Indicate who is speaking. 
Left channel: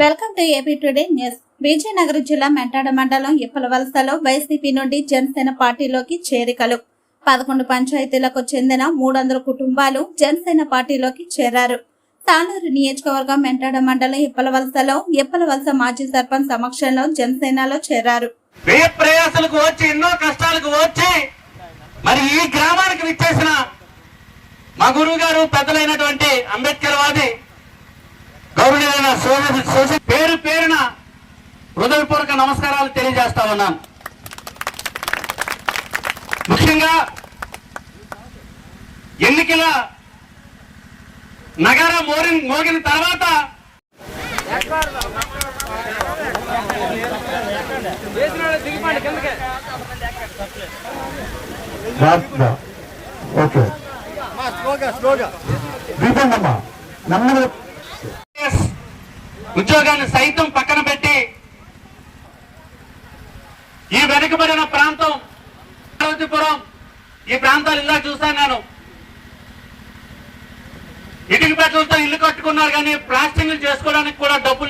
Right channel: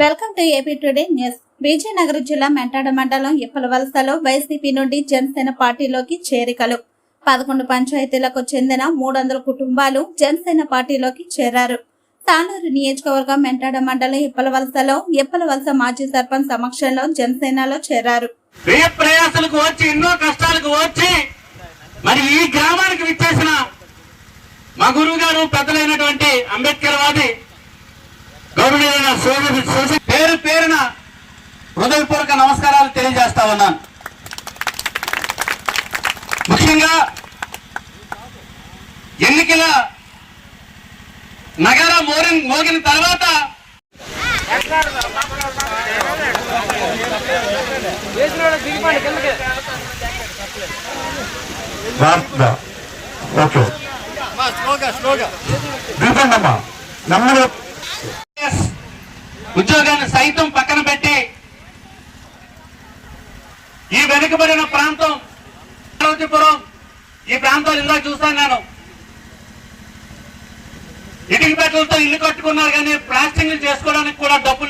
Speaker 1: Welcome to AP today news. Vizianagaram జిల్లా మెంటాడ మండలం ఇప్పలవలసలో YCP నుండి జనసేన పార్టీలోకి చేరికలు. పదకొండు పంచాయతీలకు చెందిన మూడు వందల కుటుంబాలు జనసేన పార్టీలోకి చేరారు. తాళూరు నియోజకవర్గం మెంటాడ మండలం ఇప్పలవలసలో ఇప్పలవలస మాజీ సర్పంచ్ సమక్షంలో జనసేనలో చేరారు.
Speaker 2: ప్రయాసలకు వచ్చి ఎన్నో కష్టాలకు వచ్చి మరి ఈ గ్రామానికి విచ్చేసిన మా గురువు గారు పెద్దలైనటువంటి గౌరవనీయులైన పేరు పేరున హృదయపూర్వక నమస్కారాలు తెలియజేస్తా ఉన్నాను. ముఖ్యంగా ఎన్నికల నగర మోరిన్ మోగిన తర్వాత
Speaker 3: ఓకే. దీపండమ్మా నమ్మరు
Speaker 2: ఎస్. ఉద్యోగాన్ని సైతం పక్కన పెట్టి ఈ వెనుకబడిన ప్రాంతం అమరావతిపురం ఈ ప్రాంతాలు ఇందాక చూస్తాను నేను. ఇటుక పెట్టలతో ఇల్లు కట్టుకున్నారు కానీ ప్లాస్టింగ్ చేసుకోవడానికి కూడా డబ్బులు